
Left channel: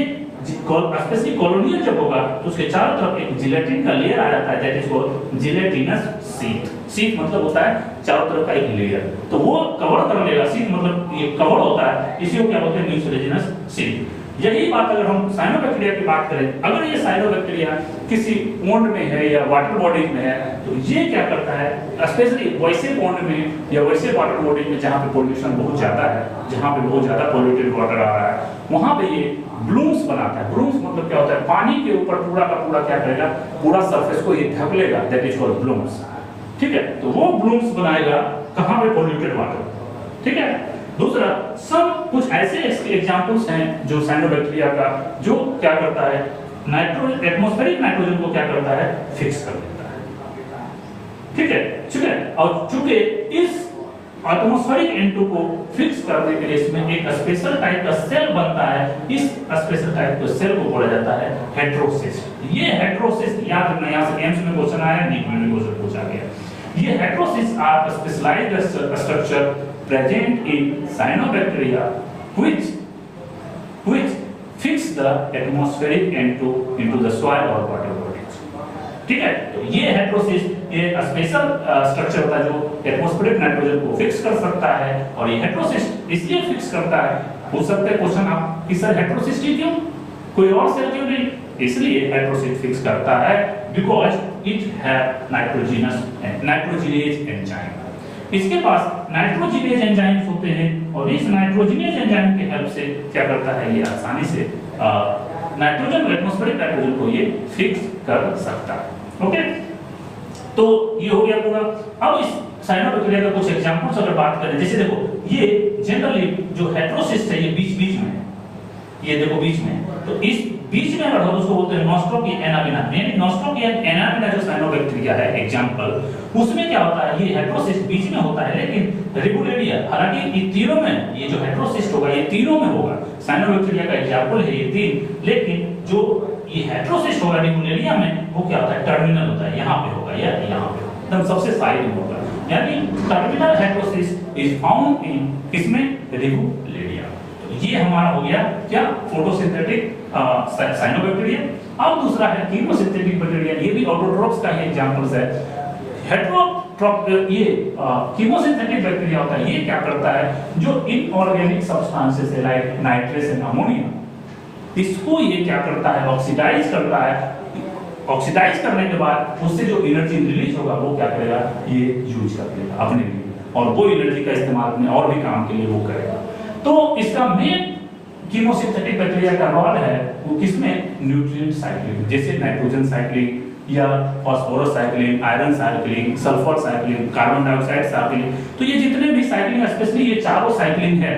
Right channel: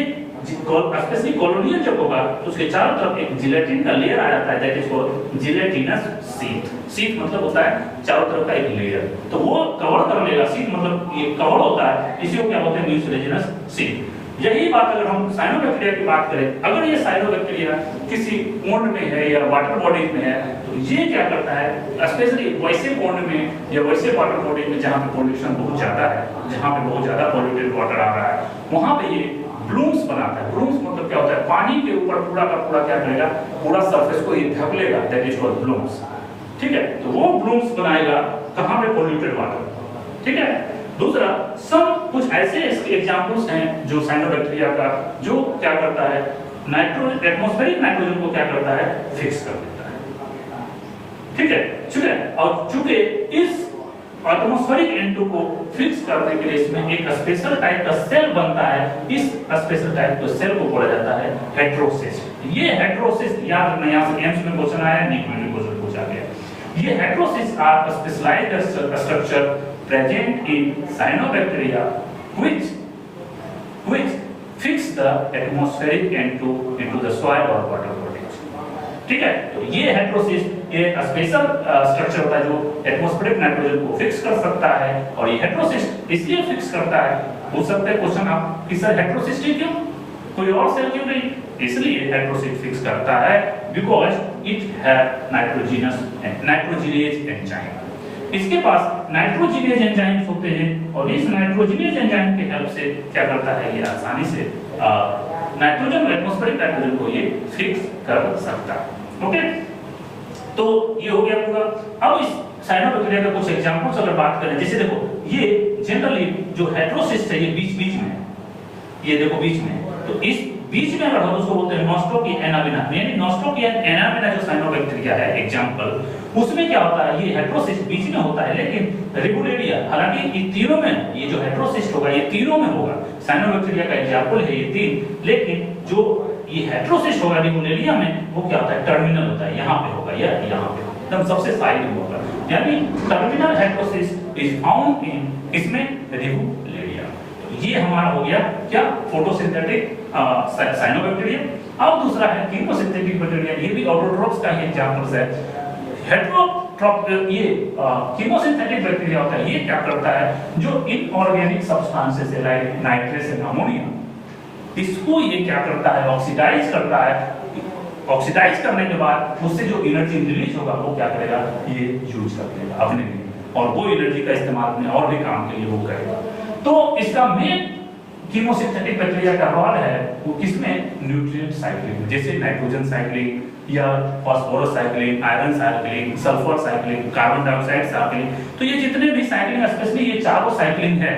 स्पेशली कॉलोनियल जब होगा तो उसके चारों तरफ एक जिलेटिन का लेयर आ जाता है, that is called gelatinous sheet. Sheet मतलब होता है चारों तरफ का एक लेयर, तो वो कवर कर लेगा। शीट मतलब ये कवर होता है, इसी को क्या बोलते हैं, म्यूसिलेजिनस शीट। यही बात अगर हम साइनोबैक्टीरिया की बात करें, अगर ये साइनोबैक्टीरिया किसी पोंड में है या वाटर बॉडी में है तो ये क्या करता है, स्पेशली वैसे पोंड में या वैसे वाटर बॉडी में जहाँ पे पोल्यूशन बहुत ज्यादा है, जहाँ पे बहुत ज्यादा पोल्यूटेड वाटर आ रहा है, वहां पे ये ब्लूम्स बनाता है। ब्लूम्स मतलब क्या होता है, पानी के ऊपर पूरा का पूरा क्या करेगा, पूरा सरफेस को ये ढक लेगा, दैट इज कॉल्ड ब्लूम्स। ठीक है, तो वो ब्लूम्स बनाएगा कहाँ पे, पोल्यूटेड वाटर। ठीक है, दूसरा सब कुछ ऐसे एग्जांपल्स हैं जो साइनोबैक्टीरिया का जो क्या करता है, नाइट्रोजन, एटमॉस्फेरिक नाइट्रोजन को क्या करता है, फिक्स कर देता है। ठीक है, ठीक है, और चूंकि इस एटमॉस्फेरिक N2 को फिक्स करने के लिए इसमें एक स्पेशल टाइप का सेल बनता है, इस स्पेशल टाइप के सेल को बोला जाता है हेटेरोसिस्ट। ये हेटेरोसिस्ट याद रखना, यहाँ से एम्स में क्वेश्चन आया, नीट में क्वेश्चन पूछा गया। ये heterocysts are specialised structure present in cyanobacteria which fix the atmospheric N2 into the soil or water bodies। ठीक है, तो ये हेटेरोसिस्ट ये स्पेशल स्ट्रक्चर होता है जो एटमॉस्फेरिक नाइट्रोजन को फिक्स कर सकता है, और ये हेटेरोसिस्ट इसलिए फिक्स करता है, पूछ सकते हैं क्वेश्चन आप कि सर हेटेरोसिस्ट ही क्यों, कोई और सेल क्यों नहीं, इसलिए हेटेरोसिस्ट फिक्स करता है because it have nitrogenase enzyme. इसके पास नाइट्रोजिनेज एंजाइम्स होते हैं, और इस नाइट्रोजिनेज एंजाइम की हेल्प से क्या करता है, ये आसानी से नाइट्रोजन, एटमॉस्फेरिक नाइट्रोजन को ये फिक्स कर सकता है। ओके, तो ये हो गया पूरा। अब इस साइनोबैक्टीरिया का कुछ एग्जांपल्स अगर बात करें, जैसे देखो ये जनरली जो हेटेरोसिस्ट है ये बीच बीच में, ये देखो बीच में, तो इस बीच में अगर हम उसको बोलते हैं नॉस्ट्रोकी एनाबिना, यानी नॉस्ट्रोकी एनाबिना जो साइनोबैक्टीरिया है एग्जांपल, उसमें क्या होता है, ये हेटेरोसिस्ट बीच में होता है, लेकिन रिबुलेरिया, हालांकि ये तीनों में, ये जो हेटेरोसिस्ट होगा ये तीनों में होगा, साइनोबैक्टीरिया का एग्जांपल है ये तीन, लेकिन जो ये हेटेरोसिस्ट होगा रिबुलेरिया में, वो क्या होता है, टर्मिनल होता है, यहाँ पे होगा या यहाँ पे, एकदम सबसे साइड में होगा, यानी terminal heterocyst is found in इसमें रिबुलेरिया। ये हमारा हो गया क्या, फोटोसिंथेटिक साइनोबैक्टीरिया। अब दूसरा है कीमोसिंथेटिक बैक्टीरिया, ये भी ऑटोट्रोफ्स का ही एग्जांपल्स है। हेटेरोट्रोफ ये कीमोसिंथेटिक बैक्टीरिया होता है, ये क्या करता है, जो इनऑर्गेनिक सब्सटेंसेस है लाइक नाइट्रेस एंड अमोनिया, इसको ये क्या करता है, ऑक्सीडाइज करता है। ऑक्सीडाइज करने के बाद उससे जो एनर्जी रिलीज होगा वो क्या करेगा, ये यूज कर लेगा अपने लिए, और वो एनर्जी का इस्तेमाल अपने और भी काम के लिए वो करेगा। तो इसका मेन कीमोसिंथेटिक बैक्टीरिया का रोल है वो किसमें, न्यूट्रिएंट साइक्लिंग, जैसे नाइट्रोजन साइक्लिंग या phosphorus cycling, iron cycling, sulphur cycling, carbon dioxide cycling, तो ये जितने भी साइक्लिंग, स्पेशली ये चारों साइक्लिंग है।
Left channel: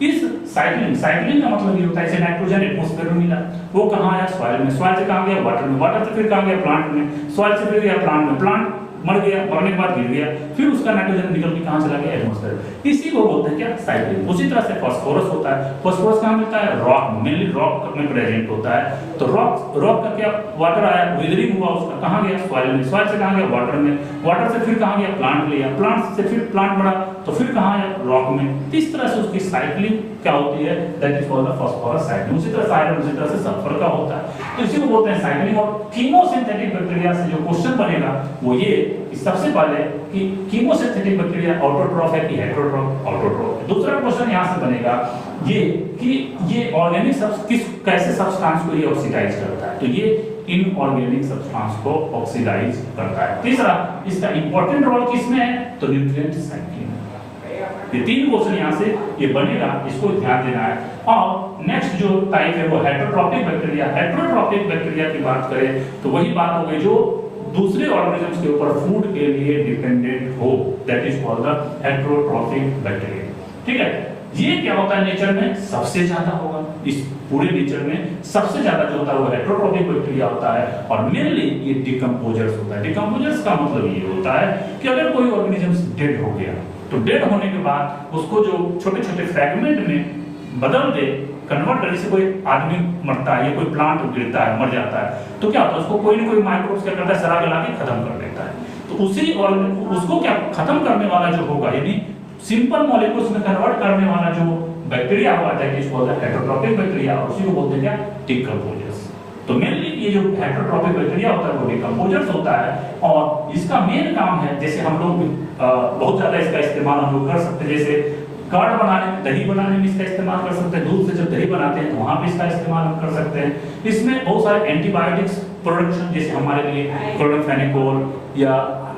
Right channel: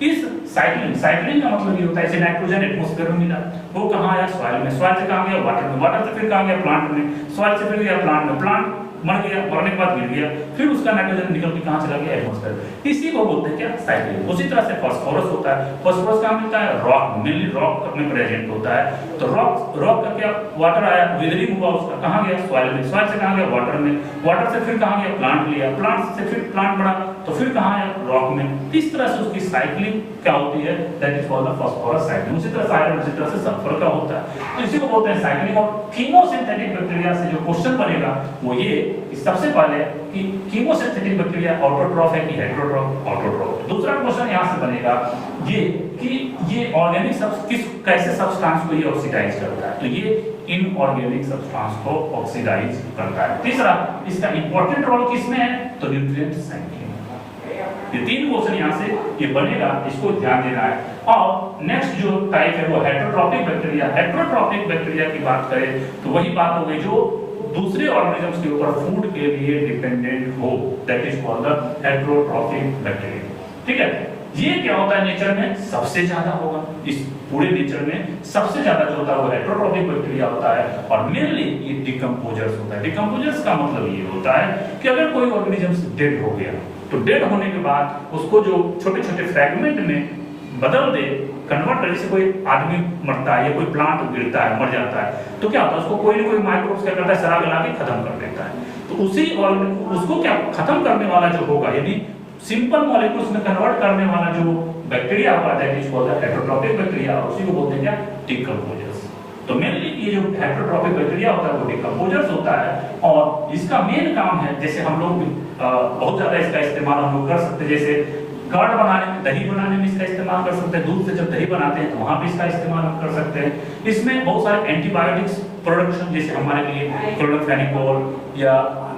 इस साइक्लिंग का मतलब ये होता है, जैसे नाइट्रोजन एटमॉस्फेयर में मिला, वो कहाँ आया, सॉइल में, सॉइल से कहाँ गया, वाटर में, वाटर से फिर कहाँ गया, प्लांट में, सॉइल से फिर गया प्लांट में, प्लांट मर गया, मरने के बाद गिर गया, फिर उसका नाइट्रोजन निकल के कहां चला गया, एटमॉस्फेयर। इसी को बोलते हैं क्या, साइक्लिंग। उसी तरह से फास्फोरस होता है, फास्फोरस कहां मिलता है, रॉक, मेनली रॉक में प्रेजेंट होता है। तो रॉक का क्या, वाटर आया, विदरिंग हुआ, उसका कहां गया, सॉइल में, सॉइल से कहां गया, वाटर में, वाटर से फिर कहां गया, प्लांट लिया, प्लांट से फिर प्लांट बढ़ा तो फिर कहां आया, रॉक में। इस तरह से उसकी साइक्लिंग क्या होती है, that is called the phosphorus cycling. उसी तरह से आयरन, उसी तरह से सल्फर का होता है, तो इसी को बोलते हैं साइक्लिंग। और कीमोसिंथेटिक बैक्टीरिया से जो क्वेश्चन बनेगा वो ये, सबसे पहले कि कीमोसिंथेटिक बैक्टीरिया ऑटोट्रॉफ है कि हेटेरोट्रॉफ, ऑटोट्रॉफ। दूसरा क्वेश्चन यहां से बनेगा ये कि ये ऑर्गेनिक कैसे सब्सटेंस को ये ऑक्सीडाइज करता है, तो ये इनऑर्गेनिक सब्सटेंस को ऑक्सीडाइज करता है। तीसरा, इसका इंपॉर्टेंट रोल किसमें है, तो न्यूट्रिएंट साइक्लिंग। ये तीन क्वेश्चन यहां से ये बनेगा, इसको ध्यान देना है। और नेक्स्ट जो टाइप है वो हेटेरोट्रॉपिक बैक्टीरिया। हेटेरोट्रॉपिक बैक्टीरिया की बात करें तो वही बात हो गई जो दूसरे ऑर्गेनिजम्स के ऊपर फूड के लिए डिपेंडेंट हो, that is called the heterotrophic bacteria. ठीक है, ये क्या होता है, नेचर में सबसे ज्यादा होगा, इस पूरे नेचर में सबसे ज्यादा जो होता है वो हेटेरोट्रॉपिक बैक्टीरिया होता है। और मेनली ये डिकम्पोजर्स होता है। डिकम्पोजर्स का मतलब ये होता है कि अगर कोई ऑर्गेनिजम डेड हो गया तो डेड होने के बाद उसको जो छोटे छोटे फ्रैगमेंट में बदल दे, कन्वर्ट करने से, कोई आदमी मरता है या कोई प्लांट गिरता है, मर जाता है, तो क्या होता है, उसको कोई ना कोई माइक्रोब्स क्या करता है, सरा गला के खत्म कर देता है। तो उसी और उसको क्या खत्म करने वाला जो होगा, यदि सिंपल मॉलिक्यूल्स में कन्वर्ट करने वाला जो बैक्टीरिया हुआ है that is called heterotrophic bacteria, और उसी को बोलते हैं क्या, डिकम्पोजर्स। तो मेनली ये जो हेटेरोट्रॉपिक बैक्टीरिया होता है वो डिकम्पोजर्स होता है, और इसका मेन काम है, जैसे हम लोग बहुत ज्यादा इसका इस्तेमाल हम लोग कर सकते हैं, जैसे कर्ड बनाने में, दही बनाने में इसका इस्तेमाल कर सकते हैं, दूध से जब दही बनाते हैं तो वहां पे इसका इस्तेमाल हम कर सकते हैं। इसमें बहुत सारे एंटीबायोटिक्स प्रोडक्शन, जैसे हमारे लिए क्लोरोफेनिकोल या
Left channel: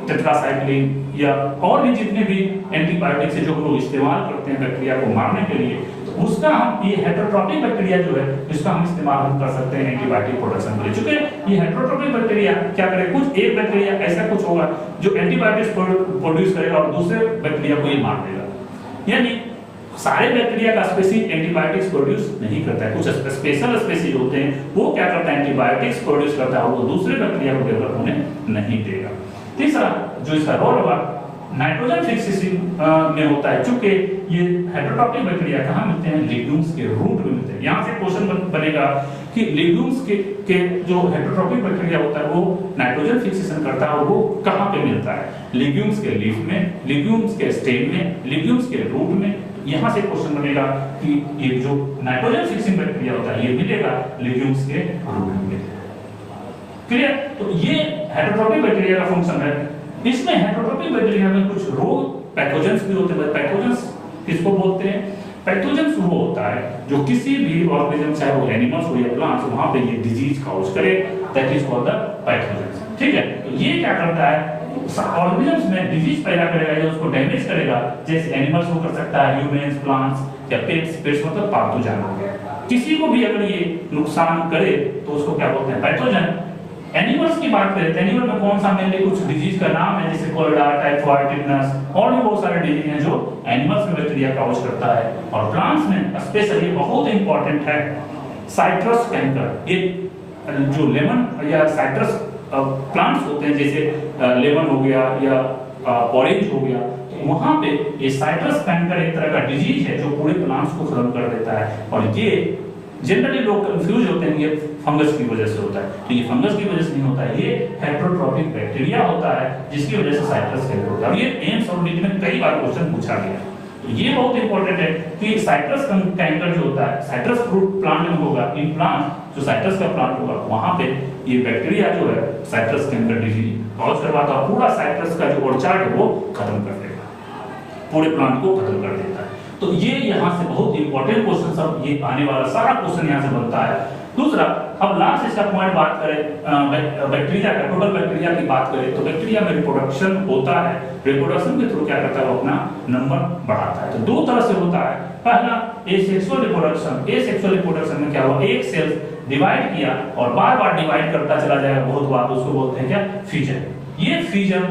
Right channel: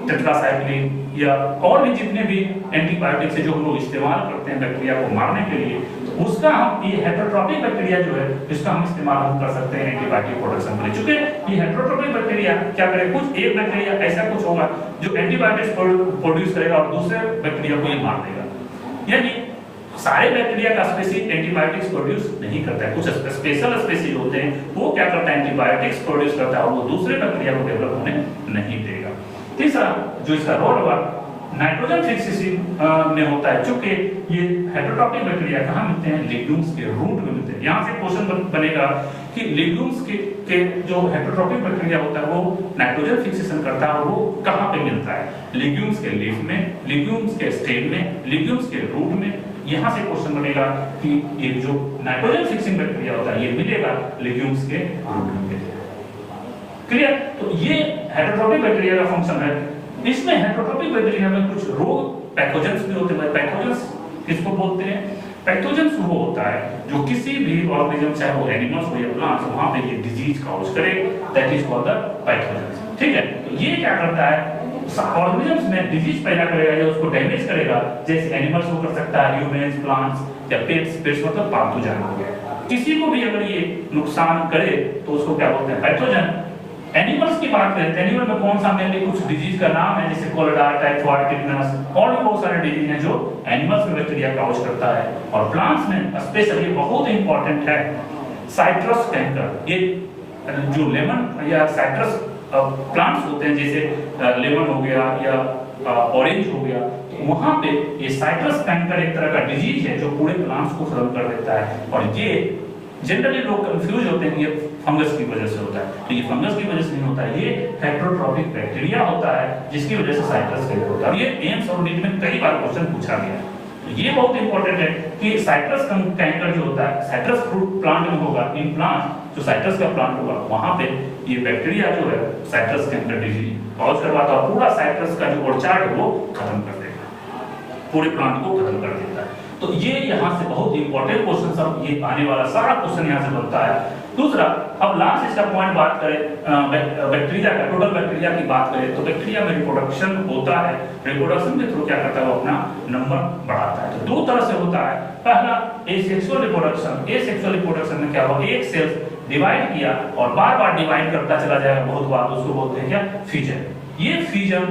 टेट्रासाइक्लिन या और भी जितने भी एंटीबायोटिक्स है जो हम लोग इस्तेमाल करते हैं बैक्टीरिया को मारने के लिए, तो उसका हम ये हेटेरोट्रॉपिक बैक्टीरिया जो है इसका हम इस्तेमाल हम कर सकते हैं एंटीबायोटिक प्रोडक्शन के लिए। चूंकि ये हेटेरोट्रॉपिक बैक्टीरिया क्या करे, कुछ एक बैक्टीरिया ऐसा कुछ होगा जो एंटीबायोटिक्स प्रोड्यूस करेगा और दूसरे बैक्टीरिया को ही मार देगा, यानी सारे बैक्टीरिया का स्पेसिफिक एंटीबायोटिक्स प्रोड्यूस नहीं करता है, कुछ स्पेशल स्पेसीज होते हैं वो क्या करता है, एंटीबायोटिक्स प्रोड्यूस करता है और वो दूसरे बैक्टीरिया को डेवलप होने नहीं देगा। तीसरा जो इसका रोल होगा नाइट्रोजन फिक्सेशन में होता है, चूंकि ये हेटेरोट्रॉपिक बैक्टीरिया कहाँ मिलते हैं, लिग्यूम्स के रूट में मिलते हैं। यहाँ से क्वेश्चन बनेगा कि लिग्यूम्स के जो हेटेरोट्रॉपिक बैक्टीरिया होता है वो नाइट्रोजन फिक्सेशन करता है और वो कहाँ पे मिलता है, लिग्यूम्स के लीफ में, लिग्यूम्स के स्टेम में, लिग्यूम्स के रूट में। यहाँ से क्वेश्चन बनेगा कि ये जो नाइट्रोजन फिक्सिंग बैक्टीरिया होता है ये मिलेगा लिग्यूम्स के रूट में। क्लियर? तो ये हेटेरोट्रॉपिक बैक्टीरिया का फंक्शन है। इसमें हेटेरोट्रॉपिक बैक्टीरिया में कुछ रोग पैथोजेंस भी होते हैं। पैथोजेंस किसको बोलते हैं, पैथोजेंस वो होता है जो किसी भी ऑर्गेनिज्म, चाहे वो एनिमल्स हो या प्लांट्स, वहां पे ये डिजीज कॉज करे, that is called the pathogens. ठीक है, तो ये क्या करता है, ऑर्गेनिजम्स में डिजीज पैदा करेगा या उसको डैमेज करेगा, जैसे एनिमल्स को कर सकता है, ह्यूमंस, प्लांट्स या पेट्स, पेट्स मतलब पालतू जानवर। किसी को भी अगर ये नुकसान करे तो उसको क्या बोलते हैं, पैथोजन। एनिमल्स की बात करें तो एनिमल में कौन सा मेनली कुछ डिजीज का नाम है, जैसे कोलेरा, टाइफाइड, टिटनस और भी बहुत सारे डिजीज हैं जो एनिमल्स में बैक्टीरिया कॉज करता है। और प्लांट्स में स्पेशली बहुत इंपॉर्टेंट है साइट्रस कैंकर। ये जो लेमन या साइट्रस प्लांट्स होते हैं, जैसे लेमन हो गया या ऑरेंज हो गया, वहां पे ये साइट्रस कैंकर एक तरह का डिजीज है जो पूरे प्लांट्स को खत्म कर देता है। और ये जनरली लोग कंफ्यूज होते हैं कि ये फंगस की वजह से होता है, तो ये फंगस की वजह से नहीं होता है, ये हेटेरोट्रॉपिक बैक्टीरिया होता है जिसकी वजह से साइट्रस कैंकर होता है। और ये एम्स और नीट में कई बार क्वेश्चन पूछा गया है। तो ये बहुत इंपॉर्टेंट है कि साइट्रस कैंकर जो होता है, साइट्रस फ्रूट प्लांट में होगा, इन प्लांट जो साइट्रस का प्लांट होगा वहां पे ये बैक्टीरिया जो है साइट्रस कैंकर डिजीज कॉज करवाता है, पूरा साइट्रस का जो ऑर्चार्ड है वो खत्म कर देता है, पूरे प्लांट को खत्म कर देता है। तो ये यहाँ से बहुत इंपॉर्टेंट क्वेश्चन सब ये आने वाला सारा क्वेश्चन यहाँ से बनता है। दूसरा, अब लास्ट इसका पॉइंट बात करें बैक्टीरिया का, टोटल बैक्टीरिया की बात करें तो बैक्टीरिया में रिप्रोडक्शन होता है। रिप्रोडक्शन के थ्रू क्या करता है, वो अपना नंबर बढ़ाता है। तो दो तरह से होता है, पहला एसेक्सुअल रिप्रोडक्शन। एसेक्सुअल रिप्रोडक्शन में क्या हुआ, एक सेल डिवाइड किया और बार बार डिवाइड करता चला जाएगा बहुत बार, उसको बोलते हैं क्या, फ्यूजन। ये फ्यूजन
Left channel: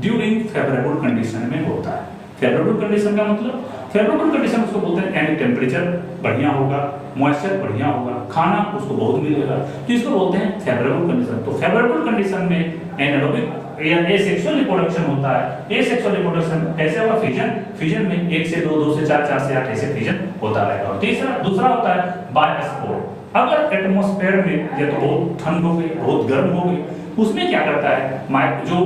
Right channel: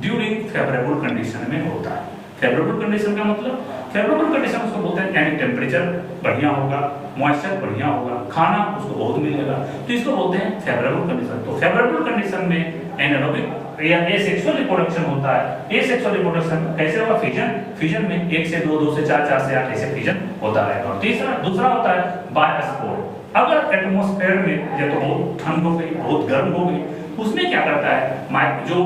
ड्यूरिंग फेवरेबल कंडीशन में होता है। फेवरेबल कंडीशन का मतलब, फेवरेबल कंडीशन उसको बोलते हैं यानी टेम्परेचर बढ़िया होगा, मॉइस्चर बढ़िया होगा, खाना उसको बहुत मिलेगा, तो इसको बोलते हैं फेवरेबल कंडीशन। तो फेवरेबल कंडीशन में एनारोबिक या एसेक्सुअल रिप्रोडक्शन होता है। एसेक्सुअल रिप्रोडक्शन कैसे होगा, फिजन। फिजन में 1 से 2, 2 से 4, 4 से 8 ऐसे फिजन होता है। और दूसरा होता है बायोस्पोर। अगर एटमॉस्फेयर में या तो बहुत ठंड हो गई, बहुत गर्म हो गई, उसमें क्या करता है, जो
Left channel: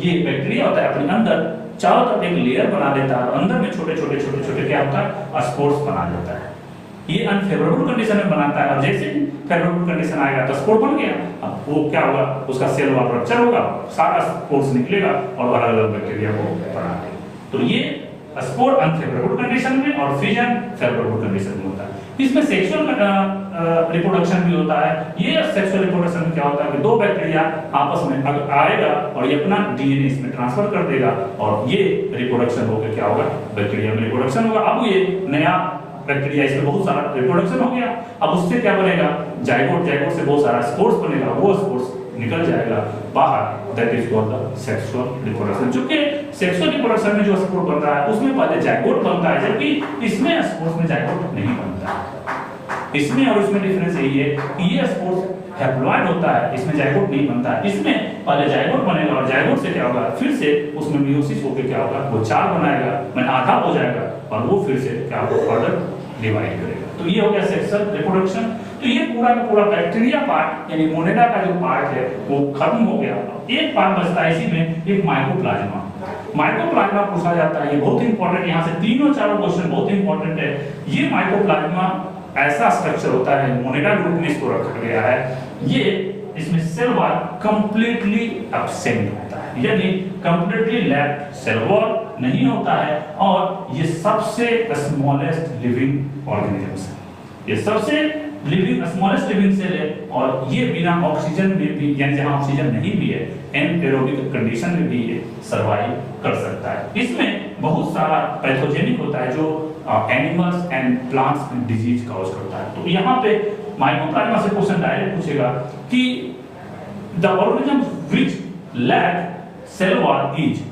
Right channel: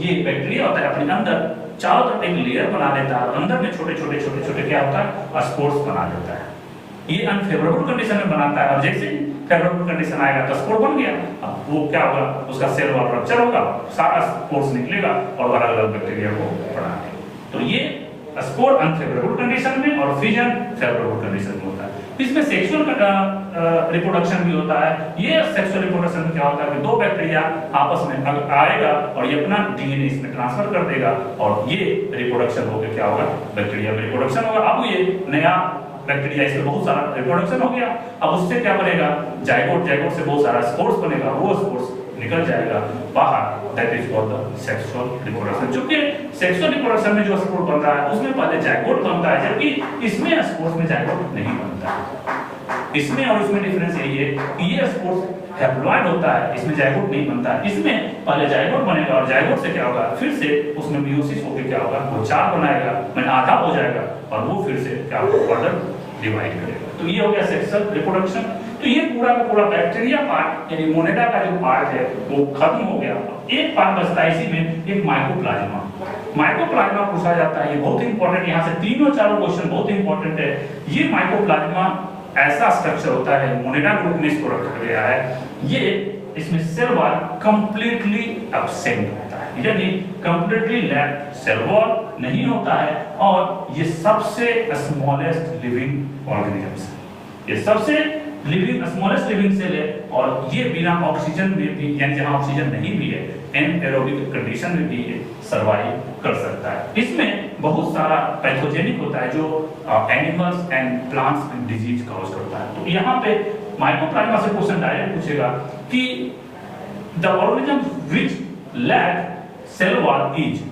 ये बैक्टीरिया होता है अपने अंदर चारों तरफ एक लेयर बना देता है और अंदर में छोटे छोटे क्या होता है, स्पोर्स बना देता है। ये अनफेवरेबल कंडीशन में बनाता है और जैसे फेवरेबल कंडीशन आएगा तो स्पोर बन गया। अब वो क्या होगा, उसका सेल वॉल रप्चर होगा, सारा स्पोर्स निकलेगा और अलग अलग बैक्टीरिया को बढ़ा देगा। तो ये स्पोर अनफेवरेबल कंडीशन में और फिजन फेवरेबल कंडीशन में होता है। इसमें सेक्सुअल रिप्रोडक्शन भी होता है। ये सेक्सुअल रिप्रोडक्शन में क्या होता है कि दो बैक्टीरिया आपस में आएगा और ये अपना डीएनए इसमें ट्रांसफर कर देगा और ये रिप्रोडक्शन होकर क्या होगा, बैक्टीरिया में रिप्रोडक्शन होगा। अब ये नया बैक्टीरिया, इसमें बहुत सारा रिप्रोडक्शन हो गया, अब उससे क्या बनेगा, जाइगोट। जाइगोट से बहुत सारा स्पोर्स बनेगा, वो स्पोर्स निकल जाएगा बाहर, that is called the sexual reproduction. जो कि सेक्सुअल रिप्रोडक्शन में जो स्पोर बनता है उसमें पहले जाइगोट बनता है, जबकि इसमें स्पोर्स में जाइगोट नहीं बनता है। इसमें और उसमें डिफरेंस यही है कि ये स्पोर्स हैप्लॉइड होता है, इसमें जाइगोट नहीं बनता है। इसमें पहले जाइगोट बनेगा और जाइगोट से क्या होगा, फिर से उसमें मियोसिस होकर क्या होगा, वो 4 बनाएगा, मैंने आधा हो जाएगा और वो फिर से क्या होगा, फर्दर डिवाइड करेगा। तो ये हो गया सेक्सुअल रिप्रोडक्शन। तो ये पूरा का पूरा बैक्टीरिया पार्ट यानी मोनेडा का जो पार्ट है वो खत्म हो गया। एक पार्ट बचता है इसी में, एक माइकोप्लाज्मा। माइकोप्लाज्मा पूछा जाता है, ये बहुत ही इंपॉर्टेंट, यहाँ से तीनों चारों क्वेश्चन बहुत ही इंपॉर्टेंट है। ये माइकोप्लाज्मा ऐसा स्ट्रक्चर होता है, मोनेडा ग्रुप में इसको रखा गया है, ये इसमें सेल वॉल कंप्लीटली एब्सेंट होता है, यानी कंप्लीटली लैप सेल वॉल नहीं होता है, और ये सबसे स्मॉलेस्ट लिविंग ऑर्गेनिजम्स है, ये सबसे स्मॉलेस्ट लिविंग सेल है, और ये बिना ऑक्सीजन में भी, यानी जहां ऑक्सीजन नहीं भी है, एनएरोबिक कंडीशन में भी ये सर्वाइव कर सकता है। इसमें बहुत सारा पैथोजेनिक होता है जो एनिमल्स एंड प्लांट्स में डिजीज कॉज करता है। तो यहाँ पे माइकोप्लाज्मा से क्वेश्चन डायरेक्ट पूछेगा कि the organism which lack cell wall is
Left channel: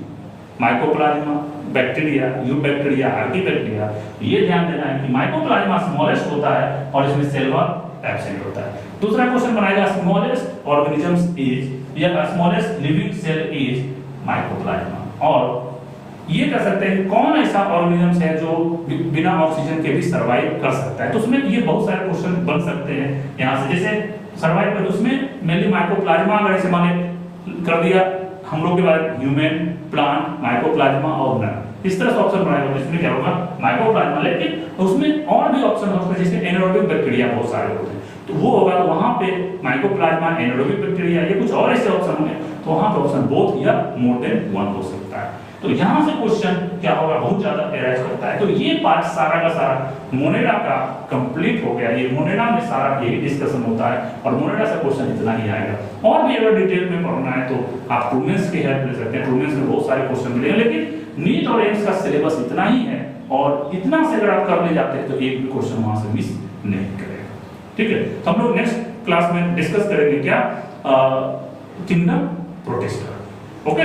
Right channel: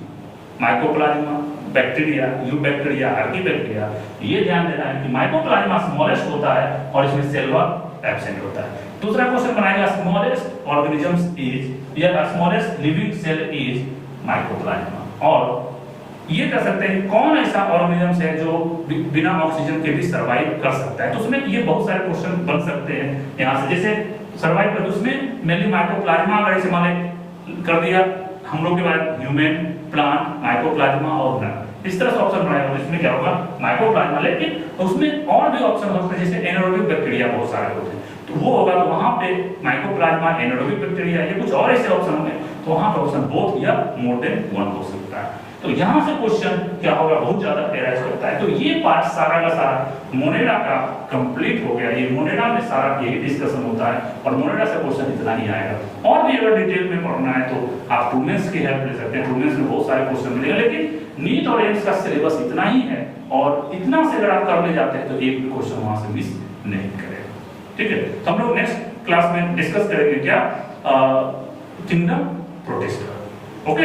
mycoplasma, bacteria, eubacteria, archaebacteria. ये ध्यान देना है कि माइकोप्लाज्मा स्मॉलेस्ट होता है और इसमें सेल वॉल एब्सेंट होता है। दूसरा क्वेश्चन बनाएगा स्मॉलेस्ट ऑर्गेनिजम्स इज या smallest living cell is mycoplasma, और ये कह सकते हैं कौन ऐसा ऑर्गेनिजम्स है जो बिना ऑक्सीजन के भी सर्वाइव कर सकता है। तो उसमें ये बहुत सारे क्वेश्चन बन सकते हैं यहाँ से, जैसे सर्वाइव कर, उसमें मेनली माइकोप्लाज्मा अगर इसे माने कर दिया हम लोग के बाद ह्यूमन, प्लांट, माइकोप्लाज्मा और नर, इस तरह से ऑप्शन बनाएगा। इसमें क्या होगा माइकोप्लाज्मा, लेकिन उसमें और भी ऑप्शन हो सकते हैं, जैसे एनारोबिक बैक्टीरिया बहुत सारे होते हैं, तो वो होगा वहां पे माइकोप्लाज्मा, एनारोबिक बैक्टीरिया, ये कुछ और ऐसे ऑप्शन होंगे, तो वहां पे ऑप्शन बोथ या मोर देन वन हो सकता है। तो यहां से क्वेश्चन क्या होगा, बहुत ज्यादा एराइज करता है। तो ये पार्ट सारा का सारा मोनेडा का कंप्लीट हो गया। ये मोनेडा में सारा यही डिस्कशन होता है, और मोनेडा से क्वेश्चन इतना ही आएगा। और भी अगर डिटेल में पढ़ना है तो आप ट्रूमेंस की हेल्प ले सकते हैं, ट्रूमेंस में बहुत सारे क्वेश्चन मिलेंगे, लेकिन नीट और एम्स का सिलेबस इतना ही है, और इतना से अगर आप कर ले जाते हैं तो एक भी क्वेश्चन वहां से मिस नहीं करेगा। ठीक है, तो हम लोग नेक्स्ट क्लास में डिस्कस करेंगे क्या, किंगडम प्रोटिस्टा।